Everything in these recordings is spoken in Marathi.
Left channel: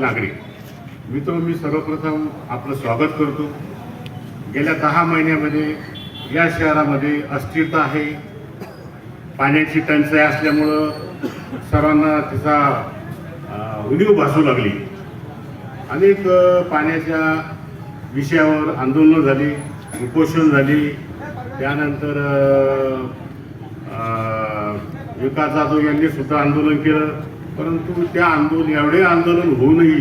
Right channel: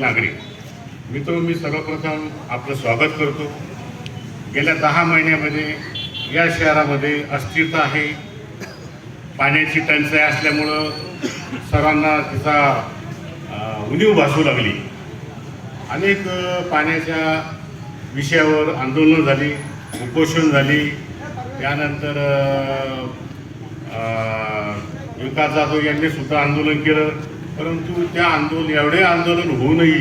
नागरिक मित्र मी सर्वप्रथम आपलं स्वागत करतो गेल्या दहा महिन्यामध्ये या शहरामध्ये अस्थिरता आहे पाण्याची टंचाई असल्यामुळं सर्वांना तिचा उणीव भासू लागली अनेक पाण्याच्या विषयावर आंदोलनं झाली उपोषण झाली त्यानंतर विकास जाधव यांनी सुद्धा आंदोलन केलं परंतु त्या आंदोलन एवढे आंदोलन होऊनही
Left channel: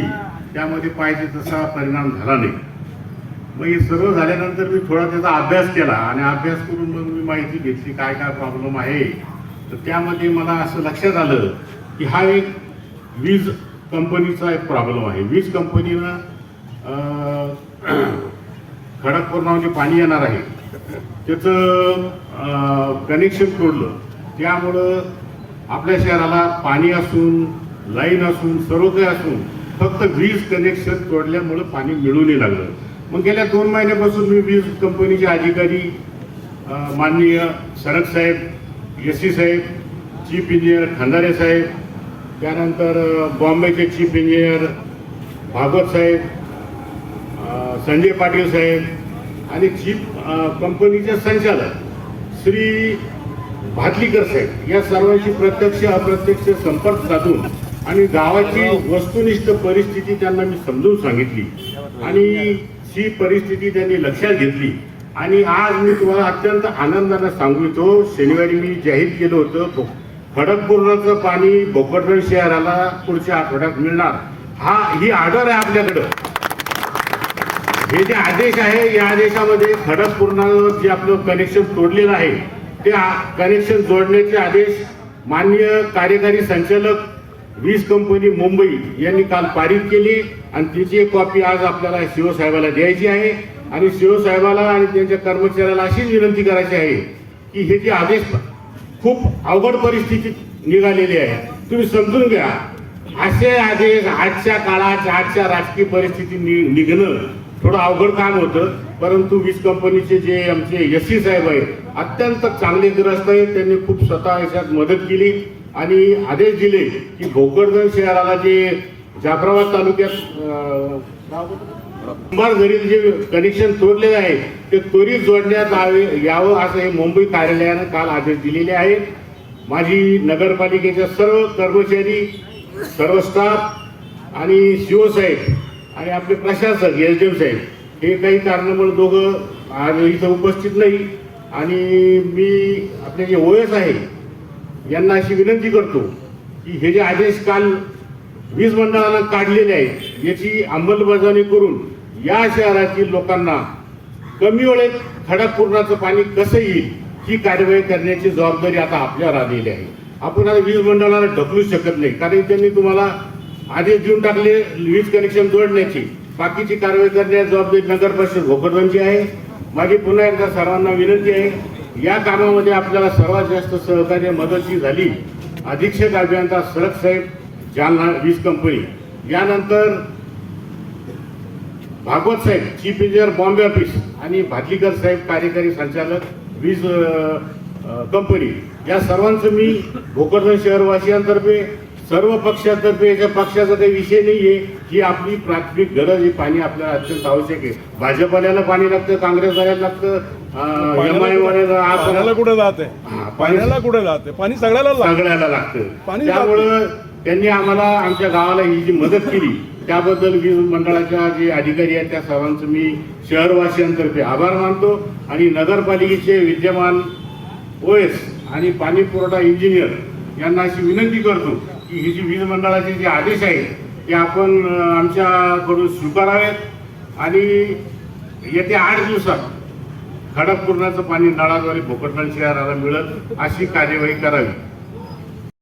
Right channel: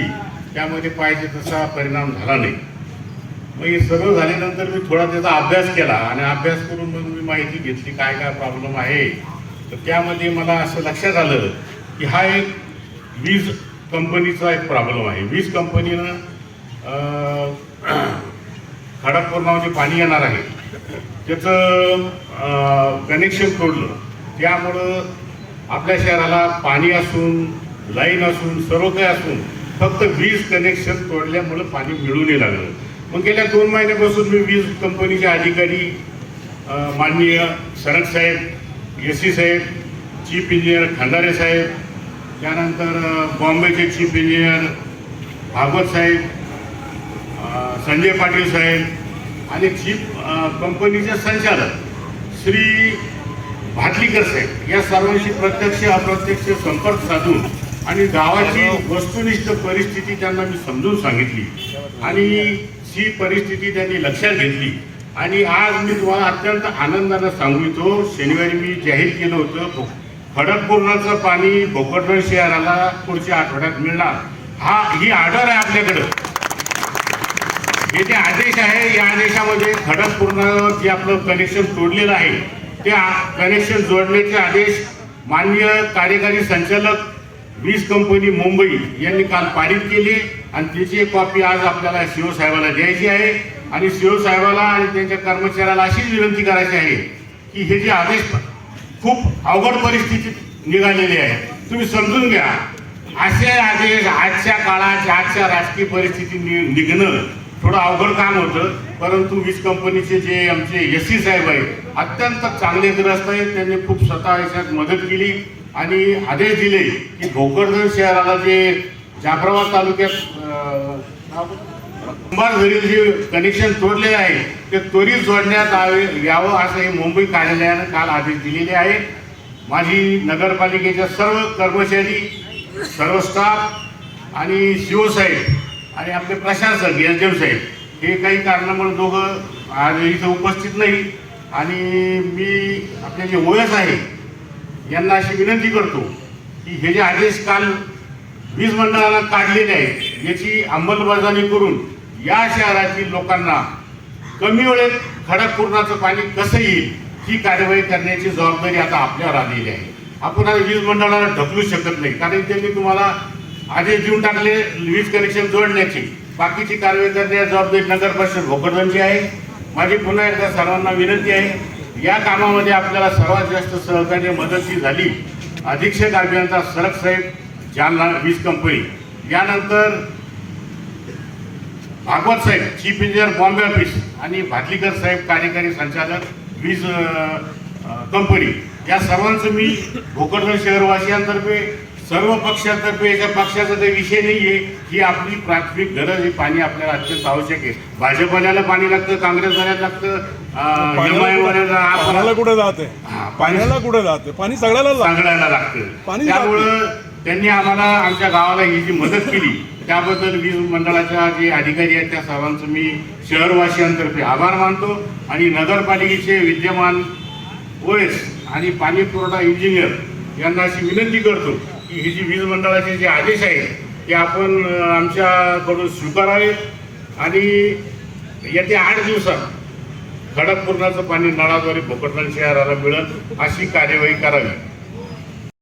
त्यामध्ये पाहिजे तसा परिणाम झाला नाही मग हे सर्व झाल्यानंतर मी थोडा त्याचा अभ्यास केला आणि अभ्यास करून मग मी माहिती घेतली काय काय प्रॉब्लेम आहे तर त्यामध्ये मला असं लक्षात आलं की हा एक वीज कंपनीचा एक प्रॉब्लेम आहे वीज कंपनीनं खडकपूर्णावर जे पाणी येणार आहे त्याचं कनेक्शन तोडलं त्यामुळं आपल्या शहराला पाणी असून लाईन असून सर्व काही असून फक्त वीज कनेक्शन तोडल्यामुळं पाणी मिळूनही लागलं मग गेल्या दोन महिन्यापासून मी वीज कंपनीचे अधिकारी माननीय शरद साहेब एस सी साहेब चीफ इंजिनियर खांदारे साहेब त्यानंतर बॉम्बेचे चीफ इंजिनियर भागवत साहेब संजय पाटील साहेब आणि चीफ कंपनीचे संचालक श्री भाटलीकर साहेब या सर्वांशी प्रत्यक्ष अप्रत्यक्ष संपर्क साधून आणि गावाची वस्तुनिष्ठ परिस्थिती त्यांना मी समजून सांगितली आणि ही परिस्थिती त्यांनी लक्षात घेतली आणि आज मी तुम्हाला अत्यंत सांगू सांगितो शनिवारी मी जाहीर केलं होतं खडकपूर्णाचं पाणी भोकरदन शहराला पुढच्या आठवड्यात मिळणार हा ही ऑर्डर आहे आपल्याकडं हे जे आदेश आहे या आदेशामध्ये खडकपूर्णावर जे आपलं कनेक्शन तोडलेलं आहे ते कनेक्शन जोडण्याचे आदेश माननीय कार्यकारी संचालक वीज कंपनी मुंबई यांनी काल पारित केली आणि त्याची एक कॉपी आज आपल्याला साहेबांना द्यायची आहे आणि शिवसाहेबाला आणि त्यांच्या कर्मचाऱ्याला अशीच विनंती करायची आहे की हे जे आदेश खूप अवघड परिस्थितीत निघालेली आहे तुम्ही समजून घ्या असे आदेश आजच्या काळात आजच्या राजकीय परिस्थिती निघणं थोडं अवघड काम होतं परंतु वीज कंपनीचे जे आमचे एस सी साहेब आहेत अत्यंत चांगले ग्रस्त आहेत त्यांनी खूप स्वतः याच्यात मदत केली आणि आदेश दिले की भोकरदन शहराला जे जाफराबाद तालुक्यात झरी जे कनेक्शन तोडलेले आहे ते त्वरित जोडण्यात यावं असं हे मुंबई कार्यालयानं काल आदेश दिलेले आहे माझी नगरपालिकेच्या सर्व कर्मचारी सर्व स्टाफ आणि सीओ साहेब आणि आपले प्रशासक एस साहेब हे काही कारणामुळे दोघं आज इथं उपस्थित नाही आणि मी आपले जे ओएस आहे यांना अशी विनंती करतो की हे जे आदेश काल वीज मंडळानं काढलेले आहेत याची अंमलबजावणी करून या शहरातील लोकांना कमी वेळेत खडकपूर्णाचं पाणी कसं येईल ही कारवाई करण्याची जबाबदारी आता आपल्यावर आलेली आहे आपण आता वीज मंडळाला ढकलू शकत नाही कारण त्यांनी तुम्हाला आदेश देऊन टाकले वीज कनेक्शन जोडण्याची बाकीची कारवाई करण्याची जबाबदारी नगर परिषद भोकरदनची आहे माझी पुन्हा एकदा सर्वांना विनंती आहे या कामामध्ये आपल्याला सर्वात जास्त सहकार्य मदत झाली अधीक्षक अभियंता सरक साहेब जालना वीज कंपनी यानंतर भागवत साहेब चीफ इंजिनियर बॉम्बे ऑफिस आणि भाटलीकर साहेब कार्यकारी संचालक वीज कंपनी या सर्वांचं मी भोकरदन शहरवासियांतर्फे सर्व पक्षातर्फे एका पक्षाचा ते विषय नाही आहे की आपली प्राथमिक गरज ही पाणी आपल्याला अत्यंत आवश्यक आहे भाजपवाल्याला पाणी लागतं काँग्रेसवाल्याला लागतं एम आय कुठे जाते पाण्याला कुठे जाते पाणी सगळ्याला सगळ्याला लागतं त्यामुळं त्यांनी आम्हाला आमच्या गावाला ही जी मदत केली त्याबद्दल वीज मंडळाच्या जे अधिकारी आहेत त्या सर्वांचं मी शहरवासियांतर्फे आभार मानतो आणि नगरपालिकेचे विद्यमान ओएस आणि पाणी पुरवठा इंजिनियर यांना अशी विनंती करतो की ही जी वीज मंडळाचे जे आदेश आहे ते आपण आमच्याकडून स्वीकारावेत आणि येत्या आठ दिवसात खडकपूर्णाचं पाणी नळाद्वारे भोकरदन शहराला मिळत अशी कार्यवाही करावी